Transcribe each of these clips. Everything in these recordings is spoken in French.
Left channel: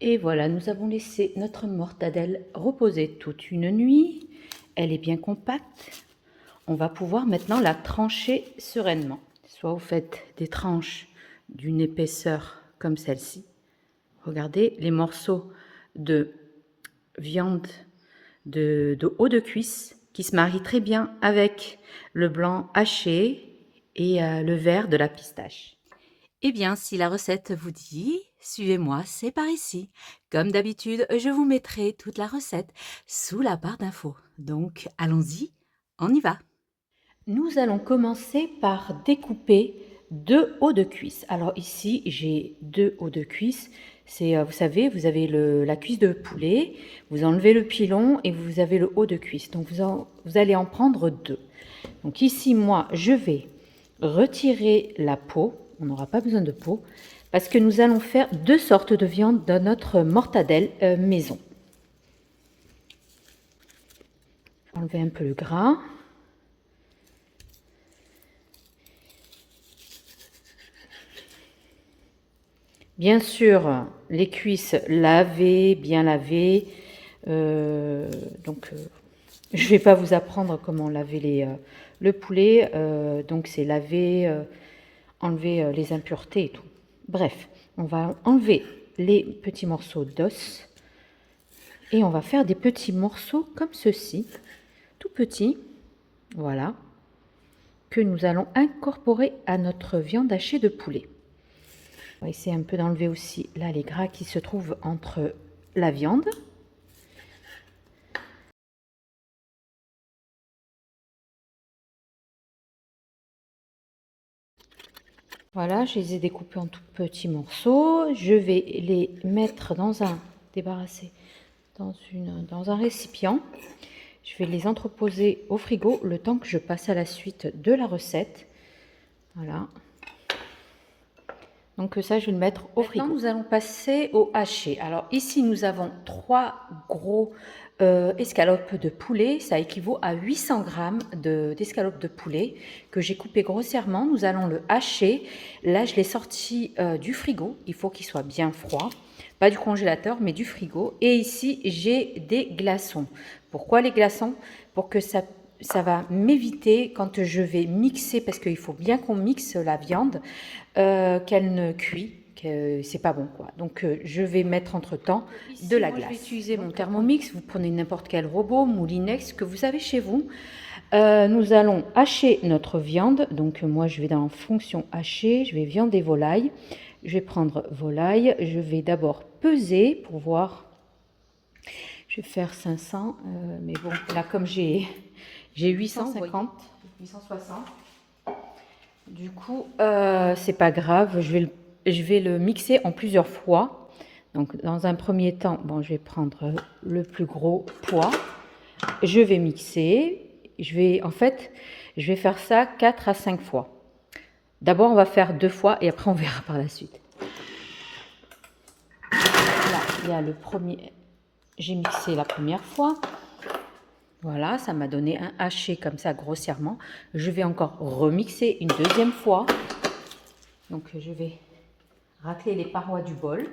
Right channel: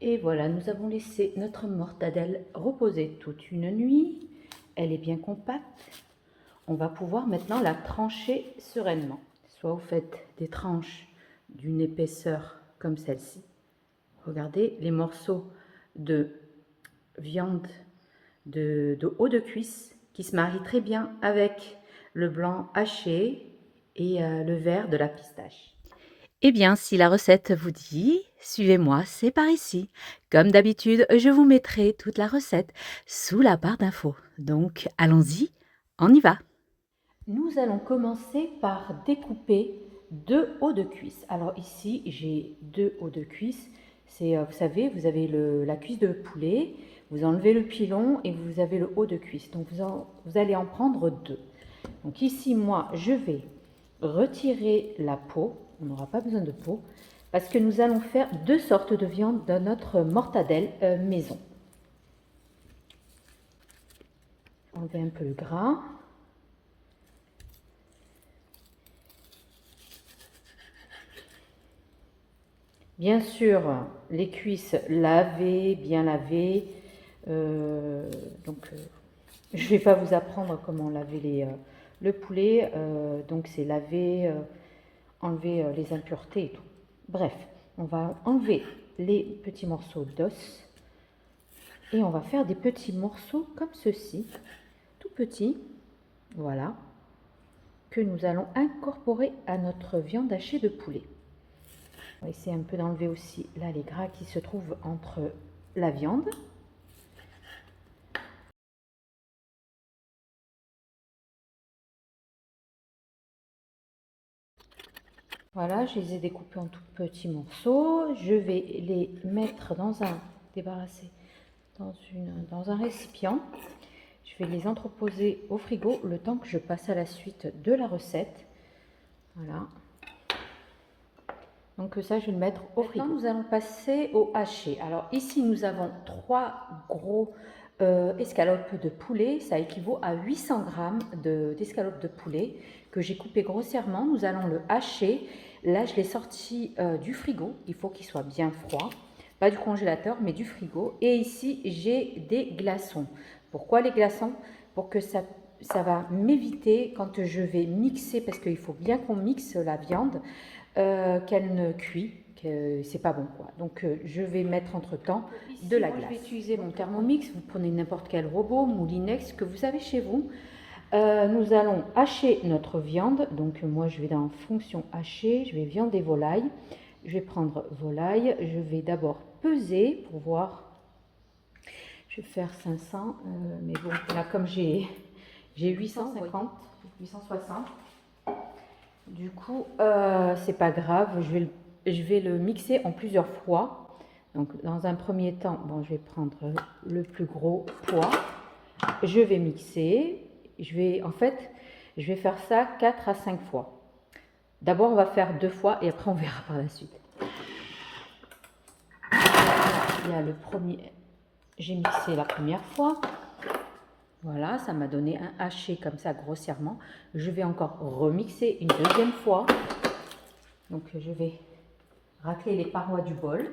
Et voilà, nous avons laissé notre mortadelle reposer toute une nuit. Elle est bien compacte. On va pouvoir maintenant la trancher sereinement. Soit vous faites des tranches d'une épaisseur comme celle-ci. Regardez les morceaux de viande de haut de cuisse qui se marient très bien avec le blanc haché et le vert de la pistache. Eh bien, si la recette vous dit, suivez-moi, c'est par ici. Comme d'habitude, je vous mettrai toute la recette sous la barre d'infos. Donc, allons-y, on y va. Nous allons commencer par découper 2 hauts de cuisse. Alors ici, j'ai 2 hauts de cuisse. C'est, vous savez, vous avez la cuisse de poulet, vous enlevez le pilon et vous avez le haut de cuisse. Donc vous allez en prendre 2. Donc ici, moi, je vais retirer la peau. On n'aura pas besoin de peau parce que nous allons faire 2 sortes de viande dans notre mortadelle maison. Enlever un peu le gras. Bien sûr, les cuisses lavées, bien lavées. Je ne vais pas vous apprendre comment laver le poulet. Donc, c'est laver, enlever les impuretés et tout. Bref, on va enlever les petits morceaux d'os et on va faire des petits morceaux comme ceci, tout petits, voilà, que nous allons incorporer à notre viande hachée de poulet. On va essayer un peu d'enlever aussi là les gras qui se trouvent entre la viande. Voilà, je les ai découpés en tout petits morceaux. Je vais les mettre débarrasser dans un récipient. Je vais les entreposer au frigo le temps que je passe à la suite de la recette. Voilà. Donc ça, je vais le mettre au frigo. Maintenant, nous allons passer au haché. Alors ici, nous avons 3 gros escalopes de poulet. Ça équivaut à 800 g d'escalopes de poulet que j'ai coupé grossièrement. Nous allons le hacher. Là, je l'ai sorti du frigo. Il faut qu'il soit bien froid. Pas du congélateur, mais du frigo. Et ici, j'ai des glaçons. Pourquoi les glaçons? Pour que ça va m'éviter quand je vais mixer, parce qu'il faut bien qu'on mixe la viande, qu'elle ne cuit, que c'est pas bon quoi. Donc je vais mettre entre temps de la glace. Je vais utiliser mon Thermomix, vous prenez n'importe quel robot, moulinex que vous avez chez vous. Nous allons hacher notre viande, donc moi je vais dans fonction hacher, je vais viande et volaille. Je vais prendre volaille, je vais d'abord peser pour voir. Je vais faire 500, mais bon, là comme j'ai 850, 860. Du coup, c'est pas grave, je vais le mixer en plusieurs fois. Donc, dans un premier temps, bon, je vais prendre le plus gros poids. Je vais mixer. En fait, je vais faire ça 4 à 5 fois. D'abord, on va faire 2 fois et après, on verra par la suite. Là, il y a le premier. J'ai mixé la première fois. Voilà, ça m'a donné un haché comme ça grossièrement. Je vais encore remixer une deuxième fois. Donc je vais racler les parois du bol.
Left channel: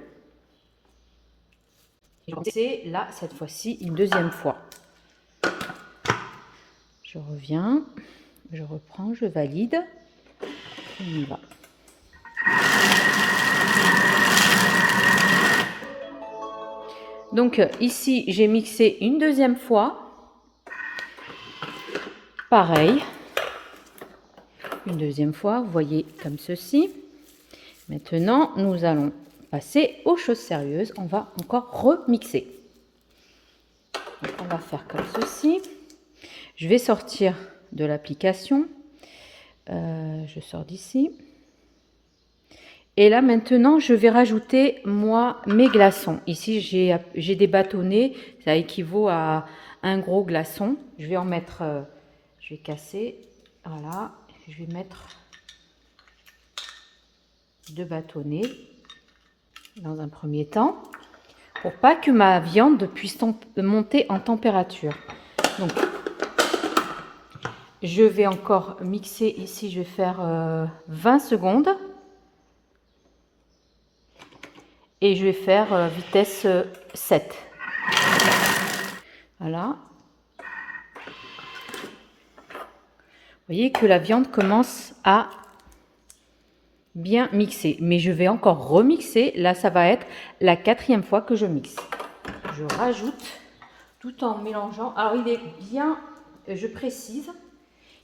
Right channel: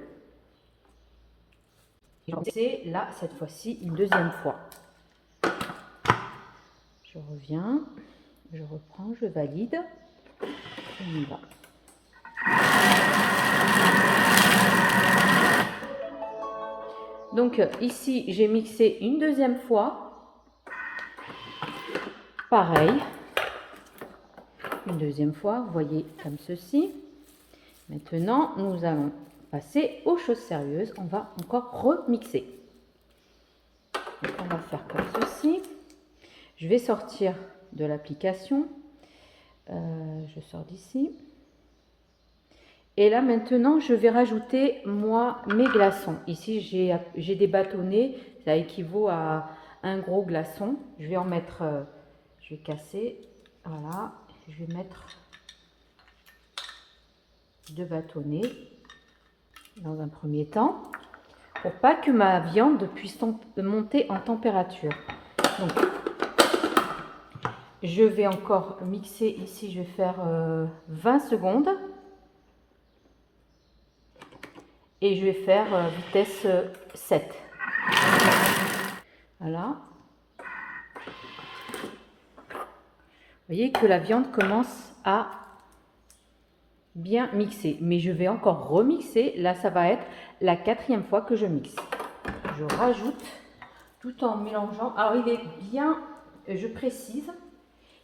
Et c'est là, cette fois-ci, une deuxième fois. Je reviens, je reprends, je valide. On y va. Donc ici, j'ai mixé une deuxième fois. Pareil. Une deuxième fois, vous voyez comme ceci. Maintenant, nous allons passer aux choses sérieuses. On va encore remixer. Donc, on va faire comme ceci. Je vais sortir de l'application. Je sors d'ici. Et là, maintenant, je vais rajouter, moi, mes glaçons. Ici, j'ai des bâtonnets. Ça équivaut à un gros glaçon. Je vais en mettre... je vais casser. Voilà. Je vais mettre 2 bâtonnets dans un premier temps. Pour pas que ma viande puisse monter en température. Donc, je vais encore mixer ici. Je vais faire 20 secondes. et je vais faire vitesse 7. Voilà. Vous voyez que la viande commence à bien mixer, mais je vais encore remixer. Là, ça va être la 4e fois que je mixe. Je rajoute tout en mélangeant. Alors, il est bien, je précise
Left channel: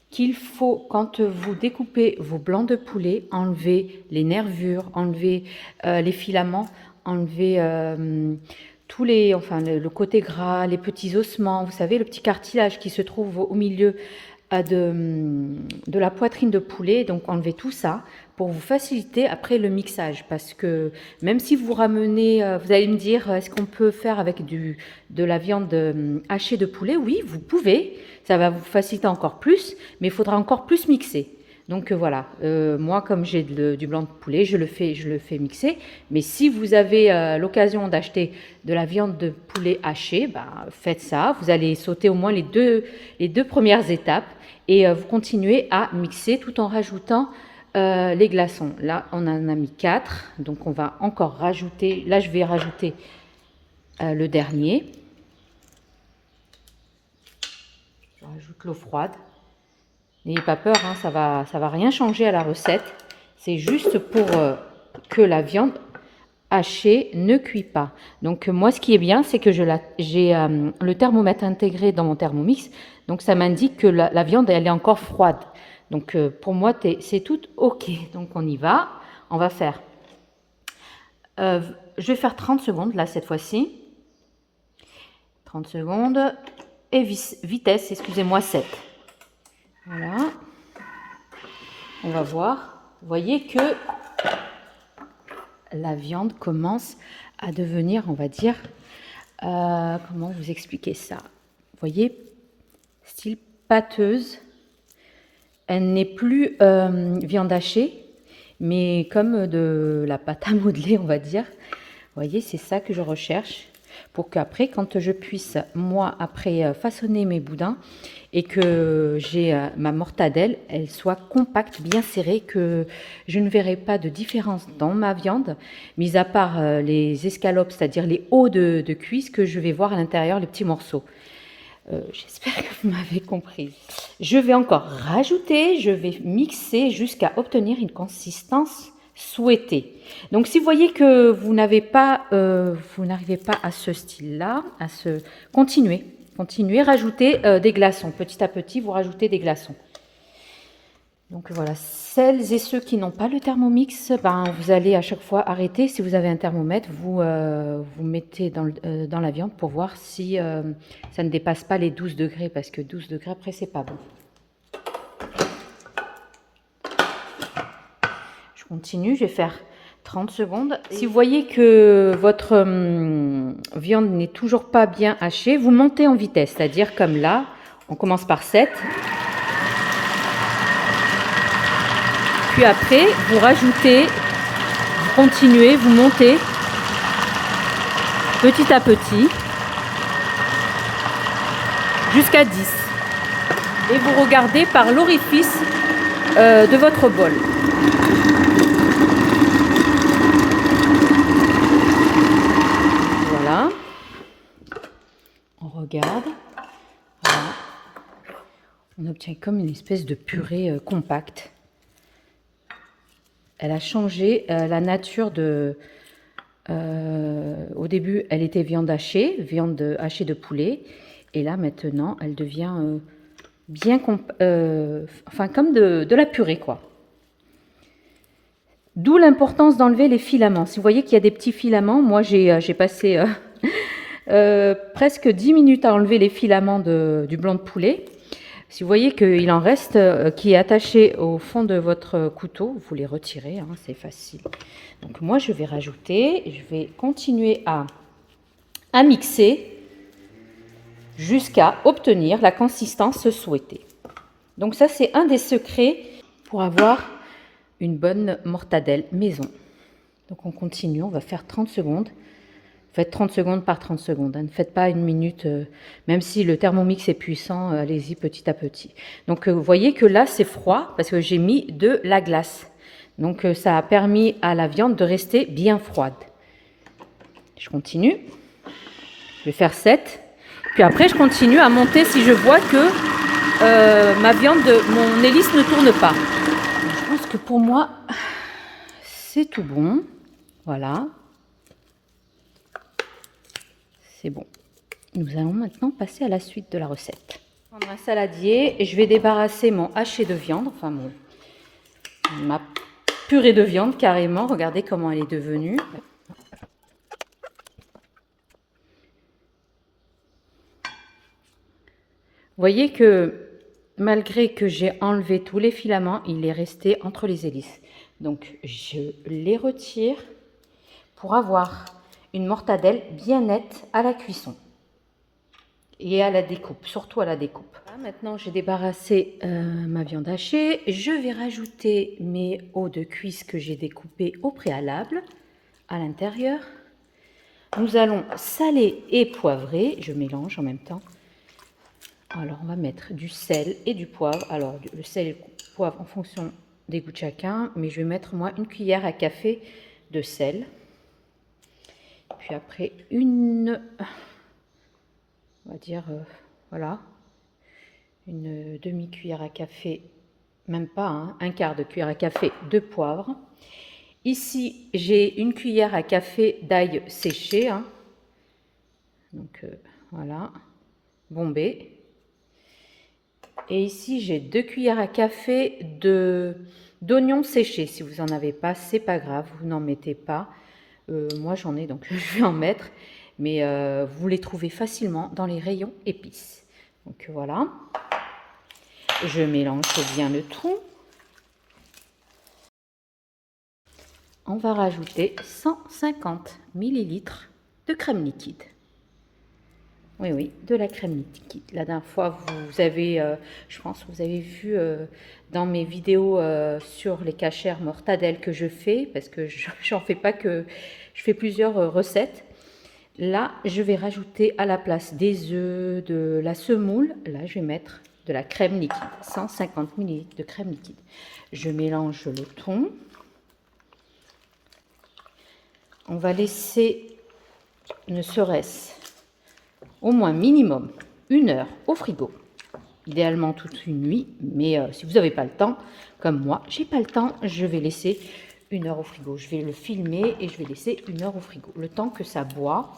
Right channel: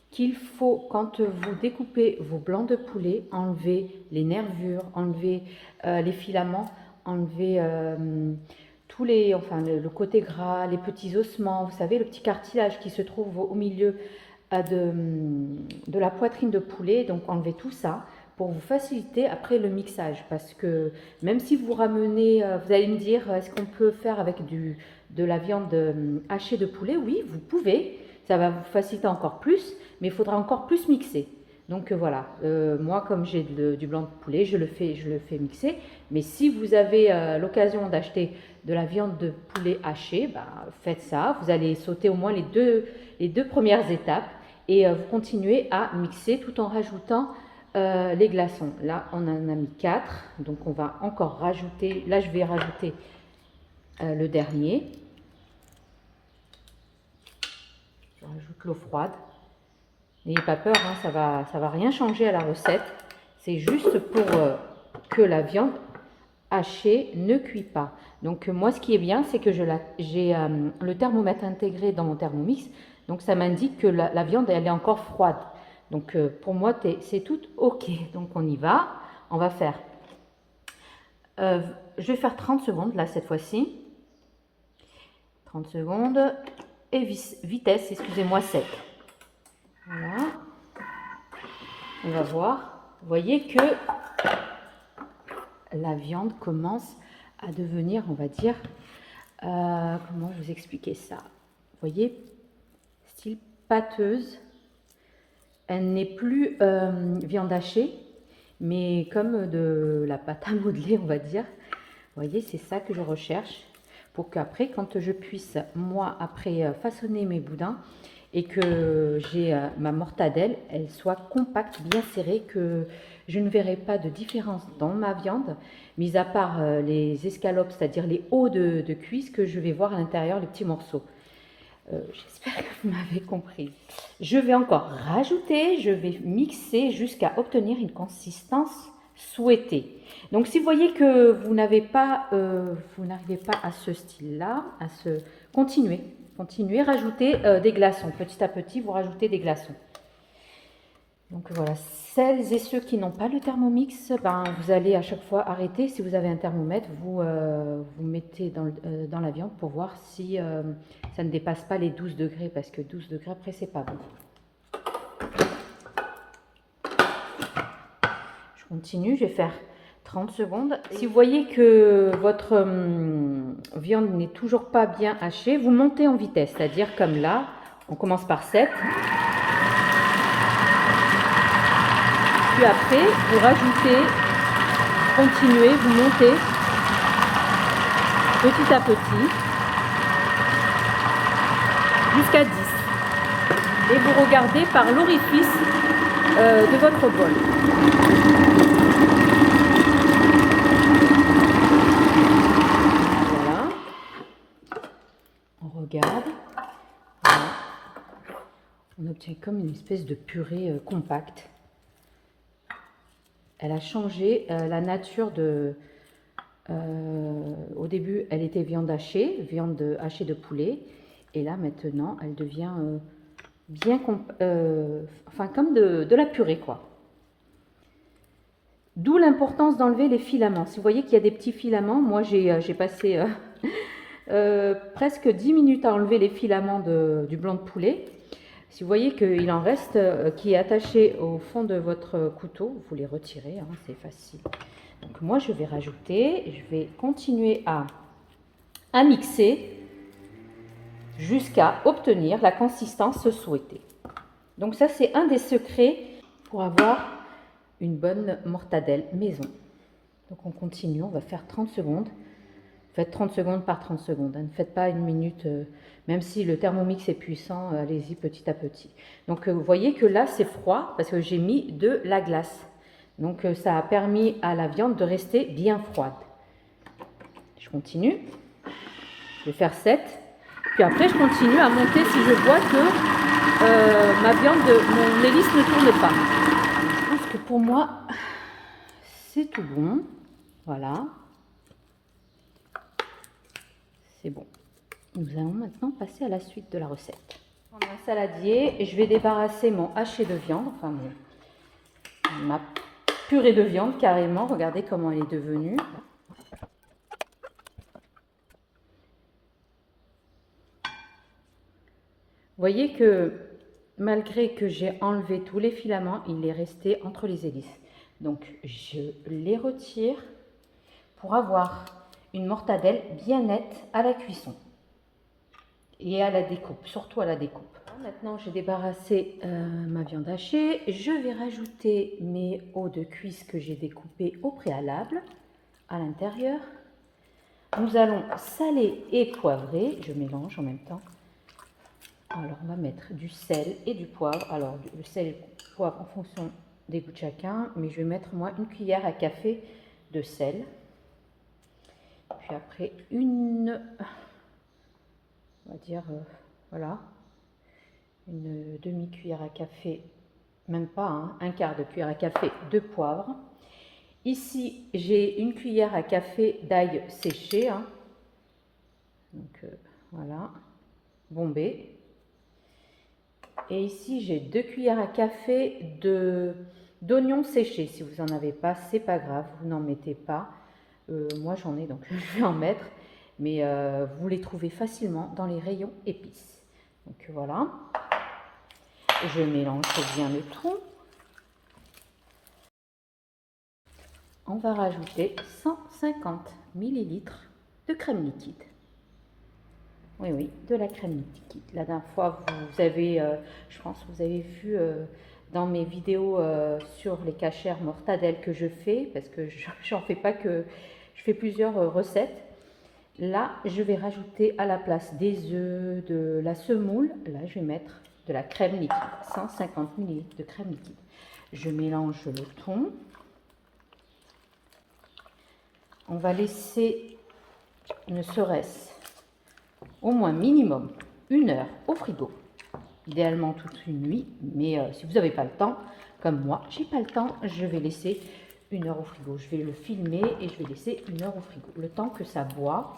qu'il faut, quand vous découpez vos blancs de poulet, enlever les nervures, enlever les filaments, enlever tous les, enfin le côté gras, les petits ossements, vous savez, le petit cartilage qui se trouve au milieu de la poitrine de poulet. Donc enlevez tout ça pour vous faciliter après le mixage, parce que même si vous ramenez, vous allez me dire, est-ce qu'on peut faire avec de la viande hachée de poulet? Oui, vous pouvez, ça va vous faciliter encore plus, mais il faudra encore plus mixer. Donc voilà, moi comme j'ai du blanc de poulet, je le fais mixer. Mais si vous avez l'occasion d'acheter de la viande de poulet hachée, ben, faites ça. Vous allez sauter au moins les deux premières étapes et vous continuez à mixer tout en rajoutant les glaçons. Là, on en a mis 4, donc on va encore rajouter. Là, je vais rajouter le dernier. Je rajoute l'eau froide. N'ayez pas peur, hein, ça va rien changer à la recette. C'est juste pour que la viande hachée ne cuit pas. Donc moi, ce qui est bien, c'est que j'ai le thermomètre intégré dans mon Thermomix. Donc ça m'indique que la viande, elle est encore froide. Donc pour moi, c'est tout OK. Donc on y va. On va faire... je vais faire 30 secondes là cette fois-ci. 30 secondes. Et vitesse, excusez-moi, 7. Voilà. On va voir. Vous voyez que la viande commence à devenir, on va dire, comment vous expliquer ça? Vous voyez, style pâteuse. Elle n'est plus viande hachée, mais comme de la pâte à modeler, on va dire. Vous voyez, c'est ça que je recherche pour qu'après, quand je puisse, moi, après façonner mes boudins et que j'ai ma mortadelle, elle soit compacte, bien serrée, que je ne verrai pas de différence dans ma viande, mis à part les escalopes, c'est-à-dire les hauts de cuisse que je vais voir à l'intérieur, les petits morceaux. J'espère que vous m'avez compris. Je vais encore rajouter, je vais mixer jusqu'à obtenir une consistance souhaitée. Donc si vous voyez que vous n'arrivez pas à ce style-là, continuez, rajoutez des glaçons. Petit à petit, vous rajoutez des glaçons. Donc voilà, celles et ceux qui n'ont pas le Thermomix, ben, vous allez à chaque fois arrêter. Si vous avez un thermomètre, vous mettez dans la viande pour voir si ça ne dépasse pas les 12 degrés, parce que 12 degrés après, c'est pas bon. Je continue, je vais faire 30 secondes. Si vous voyez que votre viande n'est toujours pas bien hachée, vous montez en vitesse, c'est-à-dire comme là, on commence par 7. Puis après, vous rajoutez, vous continuez, vous montez petit à petit jusqu'à 10. Et vous regardez par l'orifice de votre bol. Voilà. On regarde. Voilà. On obtient comme une espèce de purée compacte. Elle a changé la nature de... au début, elle était viande hachée de poulet. Et là, maintenant, elle devient bien... enfin, comme de la purée, quoi. D'où l'importance d'enlever les filaments. Si vous voyez qu'il y a des petits filaments, moi, j'ai passé presque 10 minutes à enlever les filaments du blanc de poulet. Si vous voyez qu'il en reste qui est attaché au fond de votre couteau, vous les retirez, hein, c'est facile. Donc moi, je vais rajouter, je vais continuer à mixer jusqu'à obtenir la consistance souhaitée. Donc ça, c'est un des secrets pour avoir une bonne mortadelle maison. Donc on continue, on va faire 30 secondes. Faites 30 secondes par 30 secondes. Hein. Ne faites pas une minute, même si le Thermomix est puissant, allez-y petit à petit. Donc vous voyez que là c'est froid parce que j'ai mis de la glace. Donc ça a permis à la viande de rester bien froide. Je continue. Je vais faire 7. Puis après, je continue à monter si je vois que ma viande, mon hélice ne tourne pas. Je pense que pour moi, c'est tout bon. Voilà. C'est bon. Nous allons maintenant passer à la suite de la recette. Dans un saladier, je vais débarrasser mon haché de viande, enfin ma purée de viande carrément. Regardez comment elle est devenue. Vous voyez que malgré que j'ai enlevé tous les filaments, il est resté entre les hélices. Donc je les retire pour avoir une mortadelle bien nette à la cuisson et à la découpe, surtout à la découpe. Maintenant j'ai débarrassé ma viande hachée. Je vais rajouter mes os de cuisse que j'ai découpés au préalable à l'intérieur. Nous allons saler et poivrer. Je mélange en même temps. Alors, on va mettre du sel et du poivre. Alors, le sel et le poivre en fonction des goûts de chacun. Mais je vais mettre, moi, une cuillère à café de sel. Puis après, on va dire, voilà, une demi-cuillère à café, même pas, hein, un quart de cuillère à café de poivre. Ici, j'ai une cuillère à café d'ail séché. Hein. Donc, voilà, bombé. Et ici, j'ai 2 cuillères à café d'oignons séchés. Si vous n'en avez pas, c'est pas grave, vous n'en mettez pas. Moi, j'en ai, donc je vais en mettre. Mais vous les trouvez facilement dans les rayons épices. Donc voilà. Je mélange bien le tout. On va rajouter 150 ml de crème liquide. Oui, oui, de la crème liquide. La dernière fois, vous avez, je pense que vous avez vu dans mes vidéos sur les cachères mortadelles que je fais, parce que j'en fais pas que, je fais plusieurs recettes. Là, je vais rajouter à la place des œufs, de la semoule, là, je vais mettre de la crème liquide, 150 ml de crème liquide. Je mélange le tout. On va laisser, ne serait-ce au moins minimum 1 heure au frigo. Idéalement toute une nuit, mais si vous n'avez pas le temps, comme moi, j'ai pas le temps, je vais laisser 1 heure au frigo. Je vais le filmer et je vais laisser 1 heure au frigo. Le temps que ça boit,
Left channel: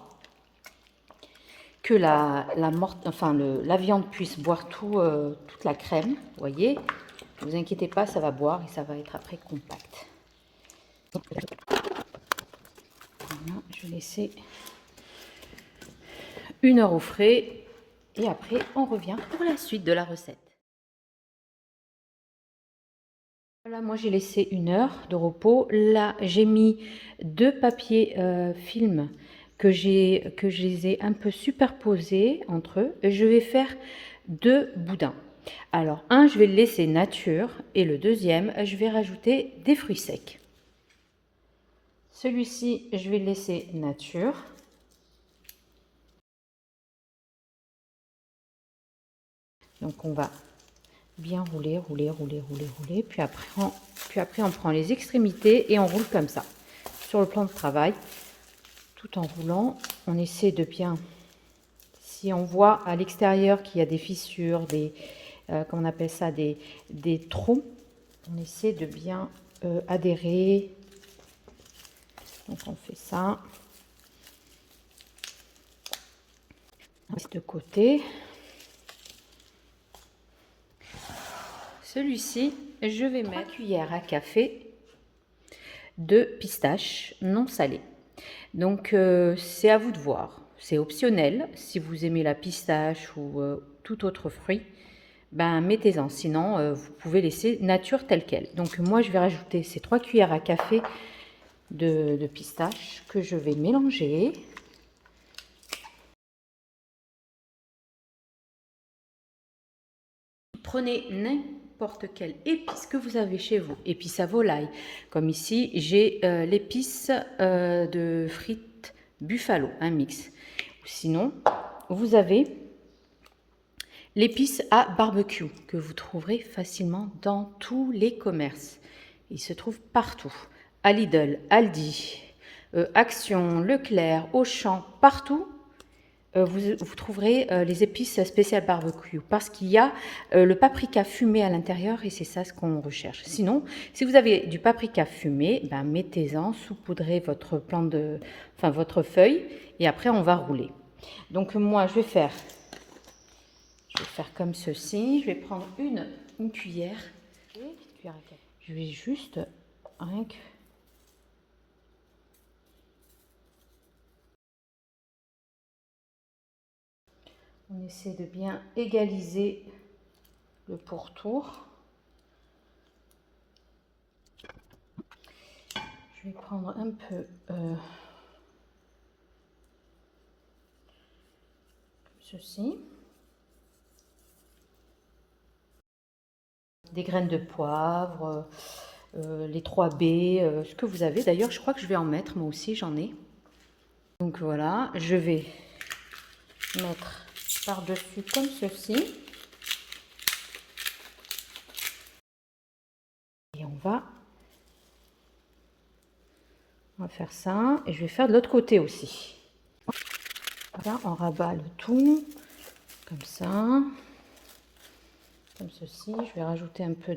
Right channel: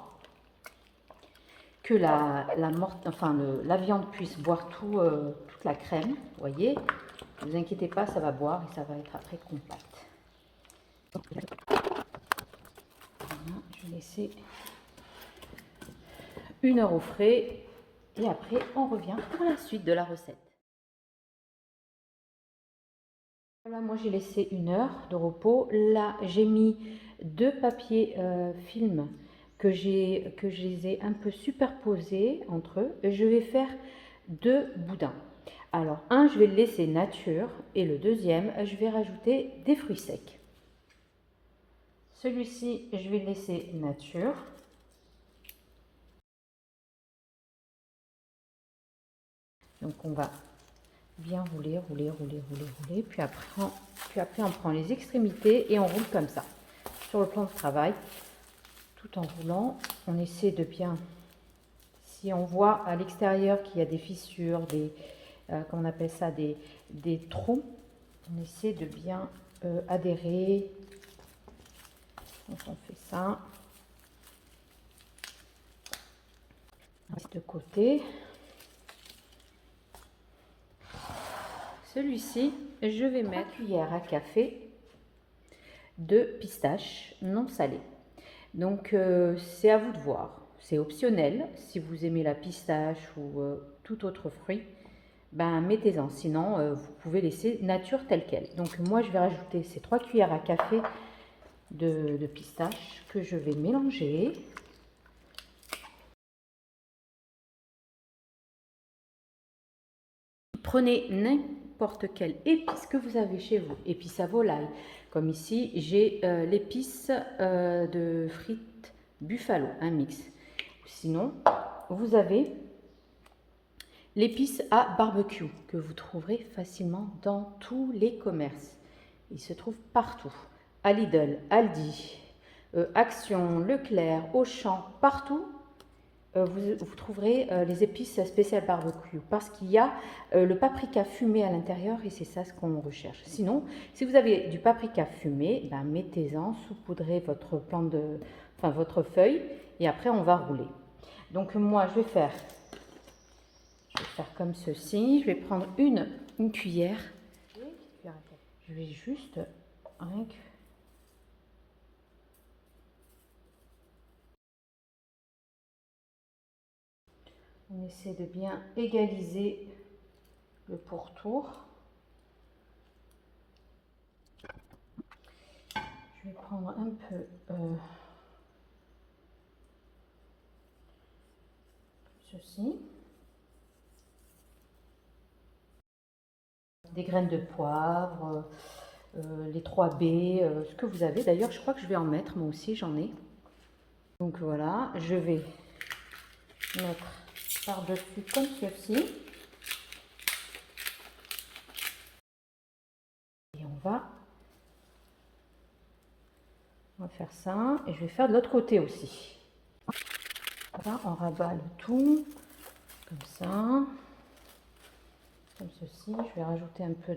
que la viande puisse boire toute la crème. Vous voyez, ne vous inquiétez pas, ça va boire et ça va être après compact. Voilà, je vais laisser 1 heure au frais et après on revient pour la suite de la recette. Voilà, moi j'ai laissé 1 heure de repos. Là j'ai mis 2 papiers film que je les ai un peu superposés entre eux. Je vais faire 2 boudins. Alors un, je vais le laisser nature et le deuxième, je vais rajouter des fruits secs. Celui-ci, je vais le laisser nature. Donc on va bien rouler, rouler, rouler, rouler, rouler. Puis après on prend les extrémités et on roule comme ça. Sur le plan de travail, tout en roulant, on essaie de bien... Si on voit à l'extérieur qu'il y a des fissures, comment on appelle ça, des trous, on essaie de bien adhérer. Donc on fait ça. De côté. Celui-ci, je vais mettre 3 cuillères à café de pistache non salée. Donc c'est à vous de voir. C'est optionnel. Si vous aimez la pistache ou tout autre fruit, ben mettez-en. Sinon, vous pouvez laisser nature telle quelle. Donc moi, je vais rajouter ces 3 cuillères à café de pistache que je vais mélanger. Prenez n'importe quelle épice que vous avez chez vous, épice à volaille, comme ici j'ai l'épice de frites buffalo, un mix. Sinon, vous avez l'épice à barbecue que vous trouverez facilement dans tous les commerces. Il se trouve partout, à Lidl, Aldi, Action, Leclerc, Auchan, partout, vous trouverez les épices spéciales barbecue parce qu'il y a le paprika fumé à l'intérieur et c'est ça ce qu'on recherche. Sinon, si vous avez du paprika fumé, ben, mettez-en, saupoudrez votre votre feuille et après on va rouler. Donc moi je vais faire comme ceci. Je vais prendre une cuillère. Je vais juste on essaie de bien égaliser le pourtour. Je vais prendre un peu comme ceci. Des graines de poivre, les 3 baies, ce que vous avez. D'ailleurs, je crois que je vais en mettre, moi aussi, j'en ai. Donc voilà, je vais mettre par-dessus comme ceci. Et on va faire ça. Et je vais faire de l'autre côté aussi. Voilà, on rabat le tout, comme ça. Comme ceci. Je vais rajouter un peu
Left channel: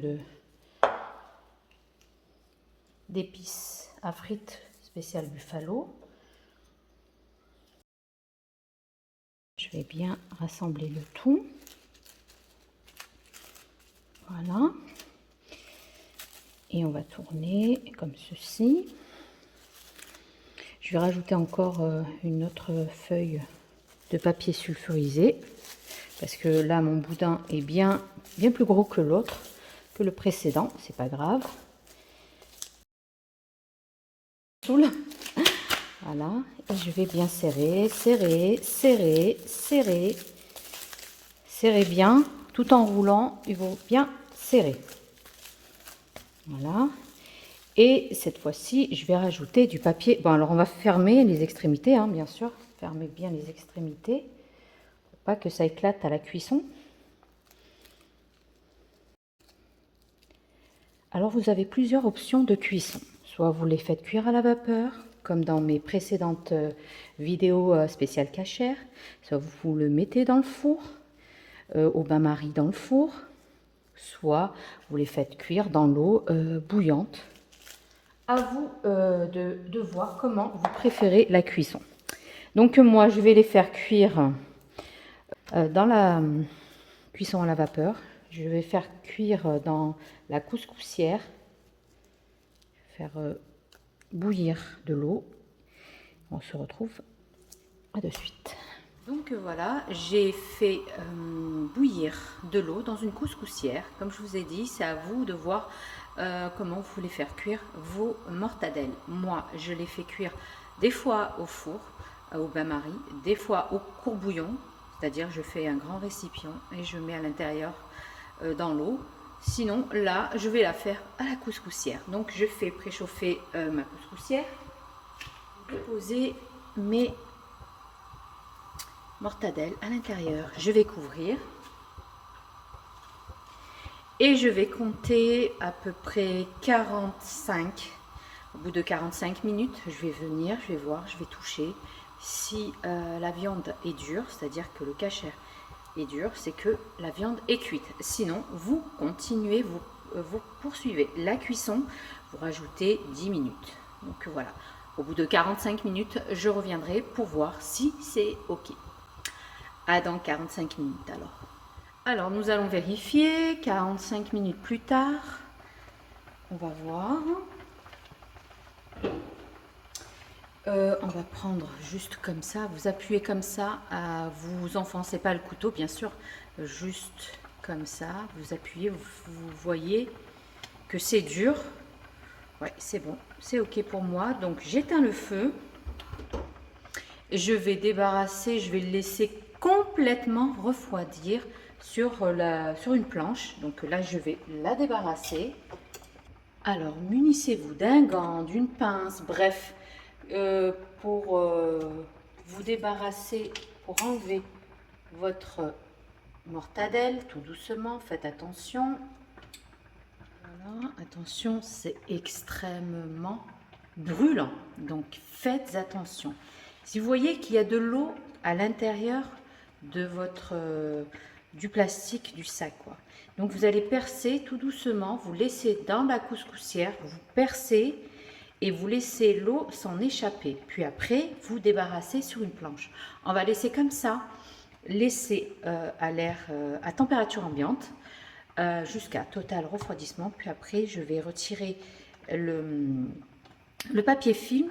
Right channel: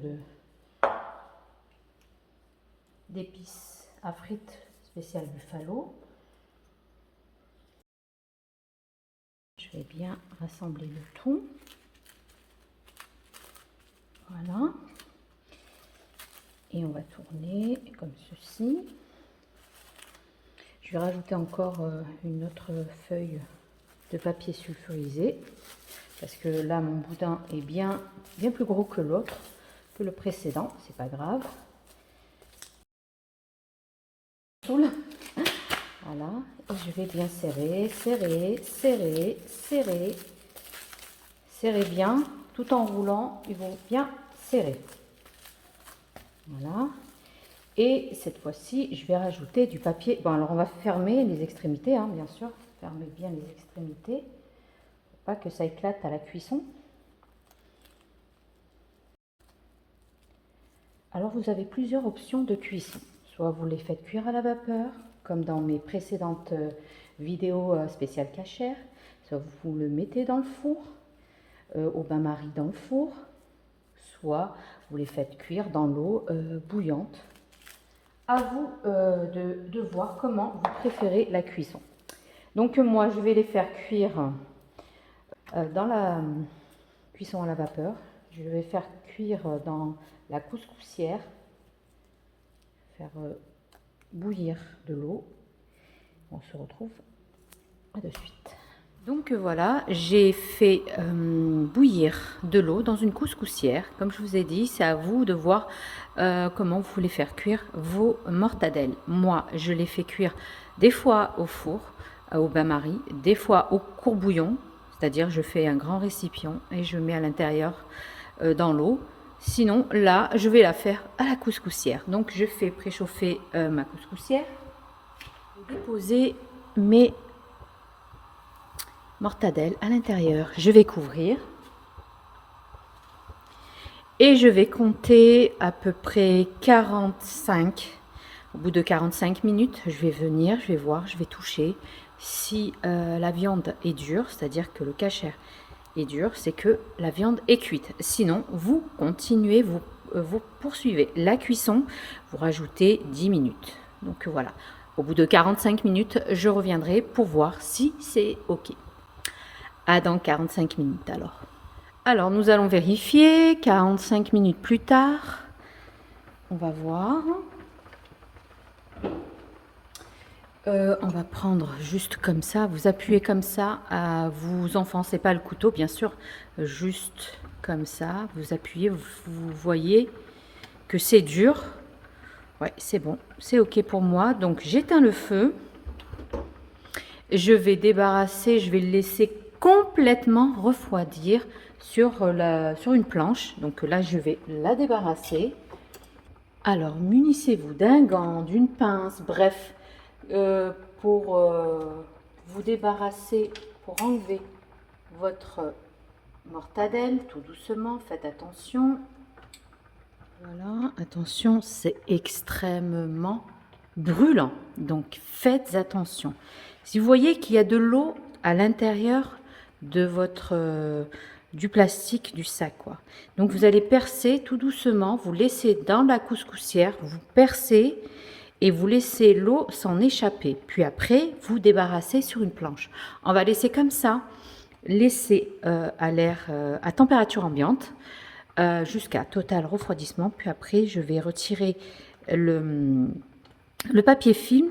d'épices à frites spécial buffalo. Je vais bien rassembler le tout. Voilà. Et on va tourner comme ceci. Je vais rajouter encore une autre feuille de papier sulfurisé. Parce que là, mon boudin est bien plus gros que l'autre, que le précédent. C'est pas grave. Voilà. Et je vais bien serrer, serrer, serrer, serrer. Serrer bien. Tout en roulant, il faut bien serrer. Voilà. Et cette fois-ci, je vais rajouter du papier. Bon, alors on va fermer les extrémités, hein, bien sûr. Fermez bien les extrémités. Faut pas que ça éclate à la cuisson. Alors, vous avez plusieurs options de cuisson. Soit vous les faites cuire à la vapeur, comme dans mes précédentes vidéos spéciales cachères. Soit vous le mettez dans le four, au bain-marie dans le four. Soit vous les faites cuire dans l'eau bouillante. À vous de voir comment vous préférez la cuisson. Donc moi, je vais les faire cuire dans la cuisson à la vapeur. Je vais faire cuire dans la couscoussière. Faire bouillir de l'eau. On se retrouve de suite. Donc voilà, j'ai fait bouillir de l'eau dans une couscoussière. Comme je vous ai dit, c'est à vous de voir comment vous voulez faire cuire vos mortadelles. Moi, je les fais cuire des fois au four, au bain-marie, des fois au courbouillon, c'est-à-dire je fais un grand récipient et je mets à l'intérieur dans l'eau. Sinon, là, je vais la faire à la couscoussière. Donc, je fais préchauffer ma couscoussière. Je vais déposer mes mortadelles à l'intérieur. Je vais couvrir. Et je vais compter à peu près 45. Au bout de 45 minutes, je vais venir, je vais voir, je vais toucher. Si la viande est dure, c'est-à-dire que le kasher est dur, c'est que la viande est cuite. Sinon, vous continuez, vous poursuivez la cuisson, vous rajoutez 10 minutes. Donc voilà, au bout de 45 minutes, je reviendrai pour voir si c'est OK. À dans 45 minutes alors. Alors, nous allons vérifier 45 minutes plus tard. On va voir. On va prendre juste comme ça, vous appuyez comme ça, vous enfoncez pas le couteau bien sûr, juste comme ça, vous appuyez, vous voyez que c'est dur. Ouais, c'est bon, c'est OK pour moi. Donc j'éteins le feu, je vais débarrasser, je vais le laisser complètement refroidir sur une planche. Donc là je vais la débarrasser. Alors munissez-vous d'un gant, d'une pince, bref, pour vous débarrasser, pour enlever votre mortadelle tout doucement. Faites attention. Voilà, attention, c'est extrêmement brûlant. Donc faites attention. Si vous voyez qu'il y a de l'eau à l'intérieur de votre du plastique du sac, quoi. Donc vous allez percer tout doucement, vous laissez dans la couscoussière, vous percez et vous laissez l'eau s'en échapper. Puis après, vous débarrassez sur une planche. On va laisser comme ça, laisser à l'air à température ambiante jusqu'à total refroidissement. Puis après, je vais retirer le papier film,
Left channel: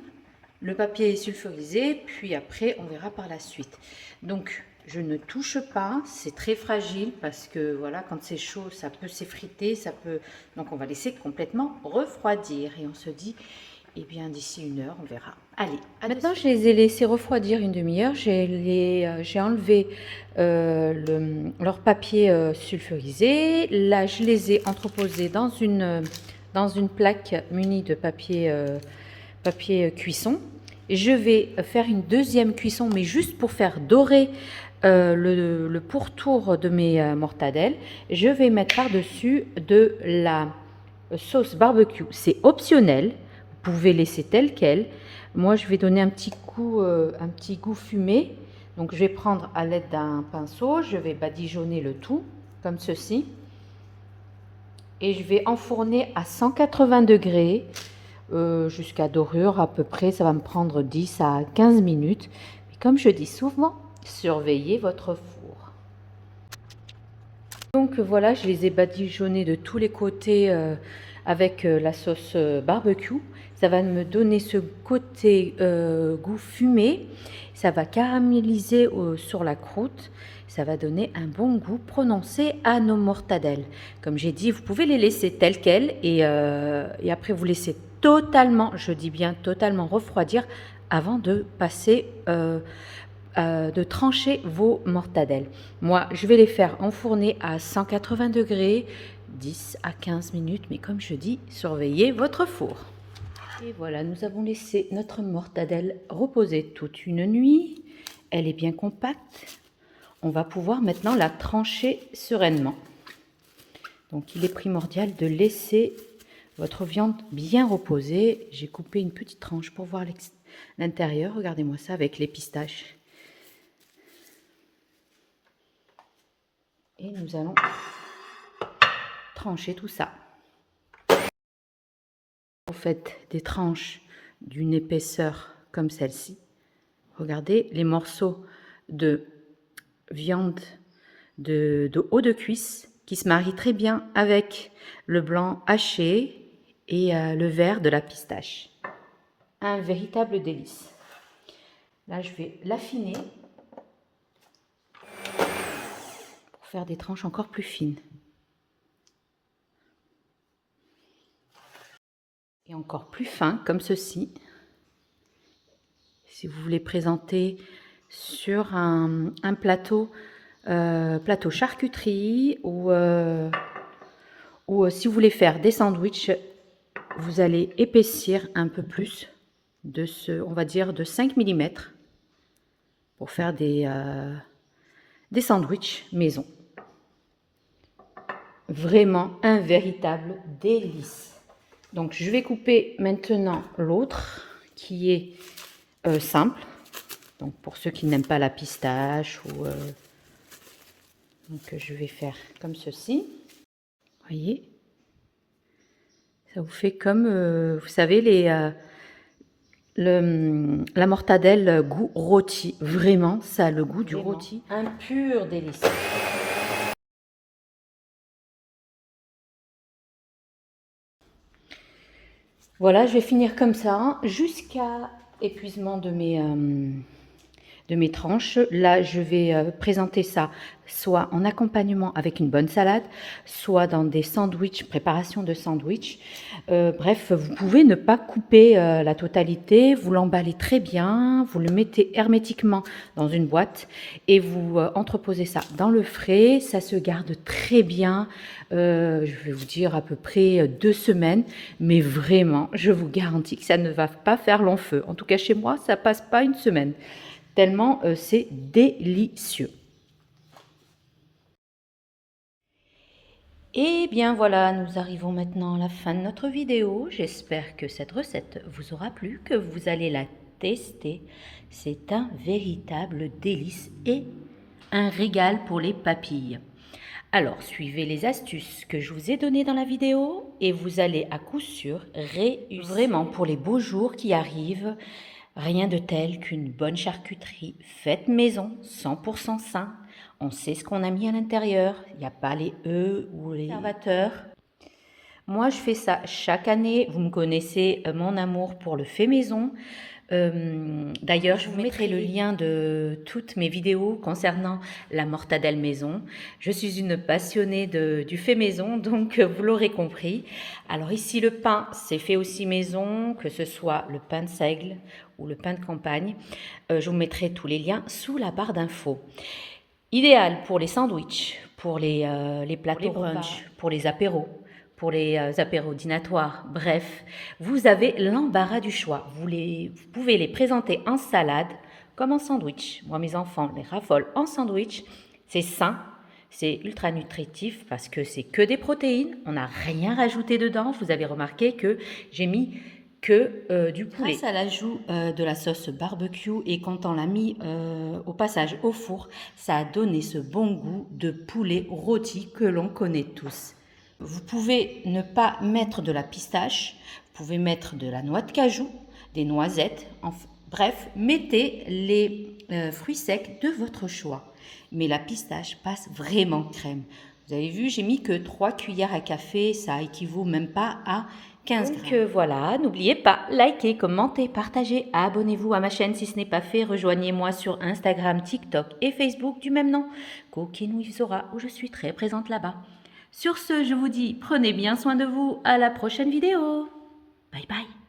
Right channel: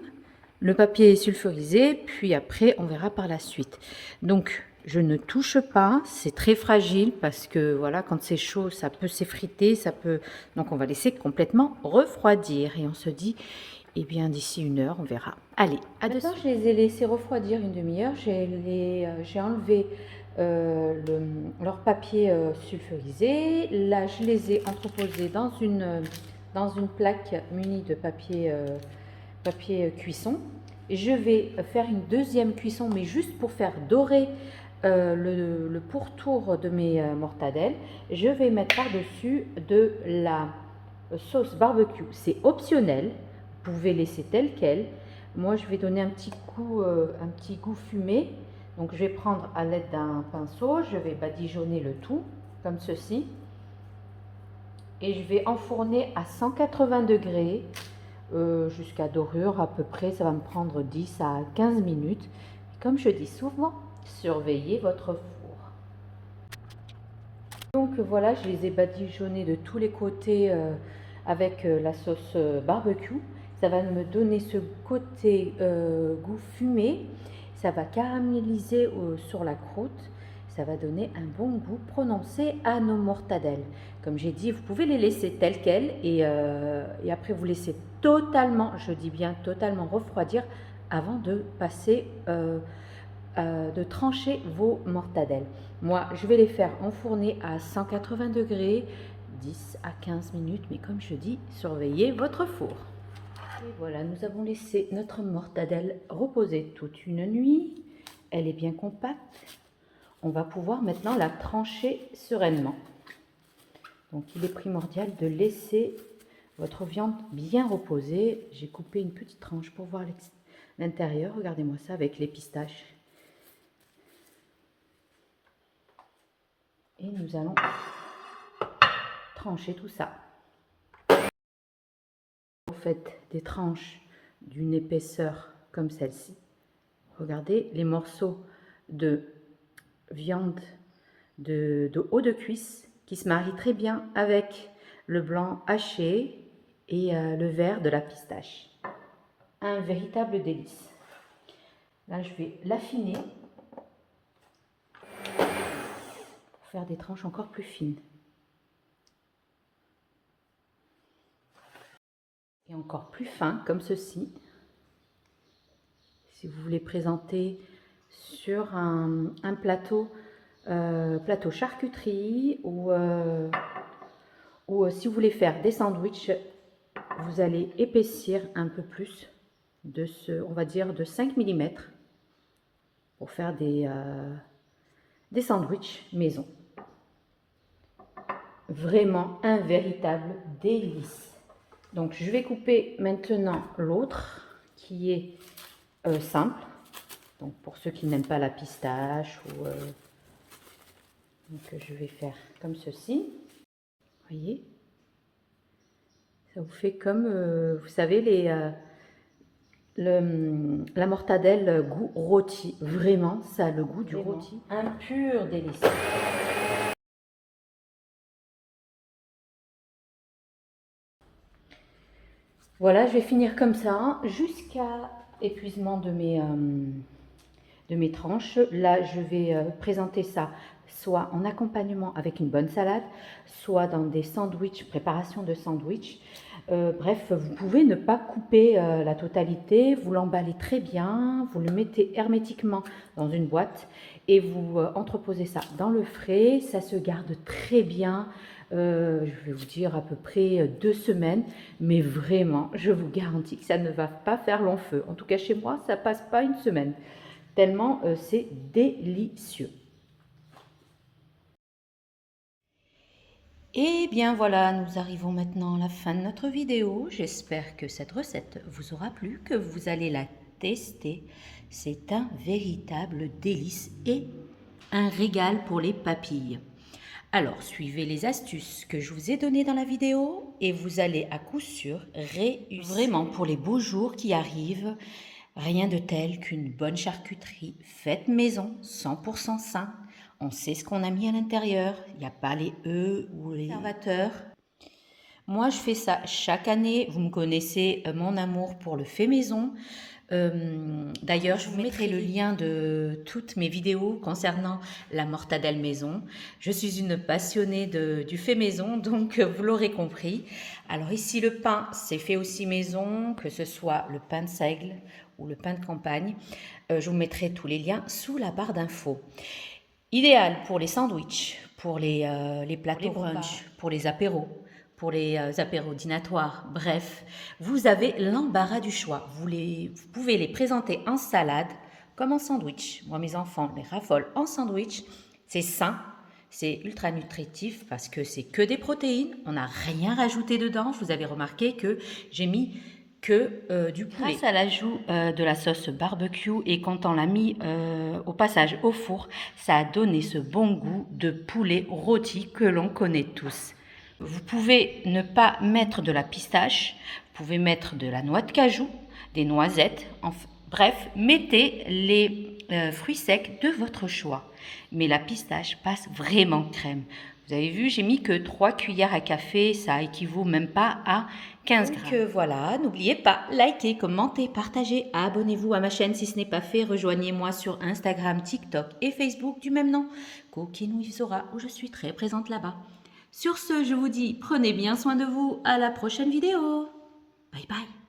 le papier sulfurisé, puis après, on verra par la suite. Donc, je ne touche pas, c'est très fragile parce que voilà, quand c'est chaud, ça peut s'effriter, ça peut. Donc, on va laisser complètement refroidir et on se dit, eh bien, d'ici 1 heure, on verra. Allez, maintenant, je les ai laissés refroidir une demi-heure. J'ai enlevé leur papier sulfurisé. Là, je les ai entreposés dans une plaque munie de papier cuisson. Je vais faire une deuxième cuisson, mais juste pour faire dorer le pourtour de mes mortadelles. Je vais mettre par-dessus de la sauce barbecue. C'est optionnel, vous pouvez laisser tel quel. Moi, je vais donner un petit goût fumé. Donc, je vais prendre à l'aide d'un pinceau, je vais badigeonner le tout, comme ceci. Et je vais enfourner à 180 degrés jusqu'à dorure à peu près. Ça va me prendre 10 à 15 minutes. Mais comme je dis souvent, surveillez votre four. Donc voilà, je les ai badigeonnés de tous les côtés avec la sauce barbecue. Ça va me donner ce côté goût fumé. Ça va caraméliser sur la croûte. Ça va donner un bon goût prononcé à nos mortadelles. Comme j'ai dit, vous pouvez les laisser telles quelles et après vous laissez totalement, je dis bien totalement refroidir avant de passer de trancher vos mortadelles. Moi, je vais les faire enfourner à 180 degrés, 10 à 15 minutes, mais comme je dis, surveillez votre four. Et voilà, nous avons laissé notre mortadelle reposer toute une nuit. Elle est bien compacte. On va pouvoir maintenant la trancher sereinement. Donc, il est primordial de laisser votre viande bien reposer. J'ai coupé une petite tranche pour voir l'intérieur. Regardez-moi ça avec les pistaches. Et nous allons trancher tout ça. Vous faites des tranches d'une épaisseur comme celle-ci. Regardez les morceaux de viande de haut de cuisse qui se marient très bien avec le blanc haché et le vert de la pistache. Un véritable délice. Là, je vais l'affiner pour faire des tranches encore plus fines. Et encore plus fin, comme ceci. Si vous voulez présenter sur un plateau, plateau charcuterie ou si vous voulez faire des sandwichs, vous allez épaissir un peu plus de on va dire de 5 mm pour faire des sandwichs maison. Vraiment un véritable délice. Donc, je vais couper maintenant l'autre qui est simple. Donc, pour ceux qui n'aiment pas la pistache, donc je vais faire comme ceci. Voyez, ça vous fait comme, vous savez, la mortadelle goût rôti. Vraiment, ça a le goût du rôti. Un pur délice. Voilà, je vais finir comme ça jusqu'à épuisement de mes tranches. Là, je vais présenter ça soit en accompagnement avec une bonne salade, soit dans des sandwichs, préparation de sandwichs. Bref, vous pouvez ne pas couper la totalité, vous l'emballez très bien, vous le mettez hermétiquement dans une boîte et vous entreposez ça dans le frais. Ça se garde très bien, je vais vous dire à peu près 2 semaines, mais vraiment, je vous garantis que ça ne va pas faire long feu. En tout cas, chez moi, ça passe pas une semaine. Tellement c'est délicieux. Et bien voilà, nous arrivons maintenant à la fin de notre vidéo. J'espère que cette recette vous aura plu, que vous allez la tester. C'est un véritable délice et un régal pour les papilles. Alors, suivez les astuces que je vous ai données dans la vidéo et vous allez à coup sûr réussir. Vraiment, pour les beaux jours qui arrivent, rien de tel qu'une bonne charcuterie faite maison, 100% sain. On sait ce qu'on a mis à l'intérieur, il n'y a pas les œufs ou les conservateurs. Moi, je fais ça chaque année. Vous me connaissez, mon amour pour le fait maison. D'ailleurs, je vous mettrai le lien de toutes mes vidéos concernant la mortadelle maison. Je suis une passionnée du fait maison, donc vous l'aurez compris. Alors ici, le pain, c'est fait aussi maison, que ce soit le pain de seigle ou le pain de campagne. Je vous mettrai tous les liens sous la barre d'infos. Idéal pour les sandwichs, pour les plateaux brunch, pour les apéros, pour les apéros dînatoires. Bref, vous avez l'embarras du choix. Vous pouvez les présenter en salade comme en sandwich. Moi, mes enfants les raffolent en sandwich. C'est sain, c'est ultra nutritif parce que c'est que des protéines. On n'a rien rajouté dedans. Vous avez remarqué que j'ai mis que du poulet. Grâce à l'ajout de la sauce barbecue et quand on l'a mis au passage au four, ça a donné ce bon goût de poulet rôti que l'on connaît tous. Vous pouvez ne pas mettre de la pistache, vous pouvez mettre de la noix de cajou, des noisettes, bref, mettez les fruits secs de votre choix. Mais la pistache passe vraiment crème. Vous avez vu, j'ai mis que 3 cuillères à café, ça équivaut même pas à 15 grammes. Donc voilà, n'oubliez pas, likez, commentez, partagez, abonnez-vous à ma chaîne si ce n'est pas fait, rejoignez-moi sur Instagram, TikTok et Facebook du même nom, Cooking with Zora, où je suis très présente là-bas. Sur ce, je vous dis, prenez bien soin de vous, à la prochaine vidéo. Bye bye.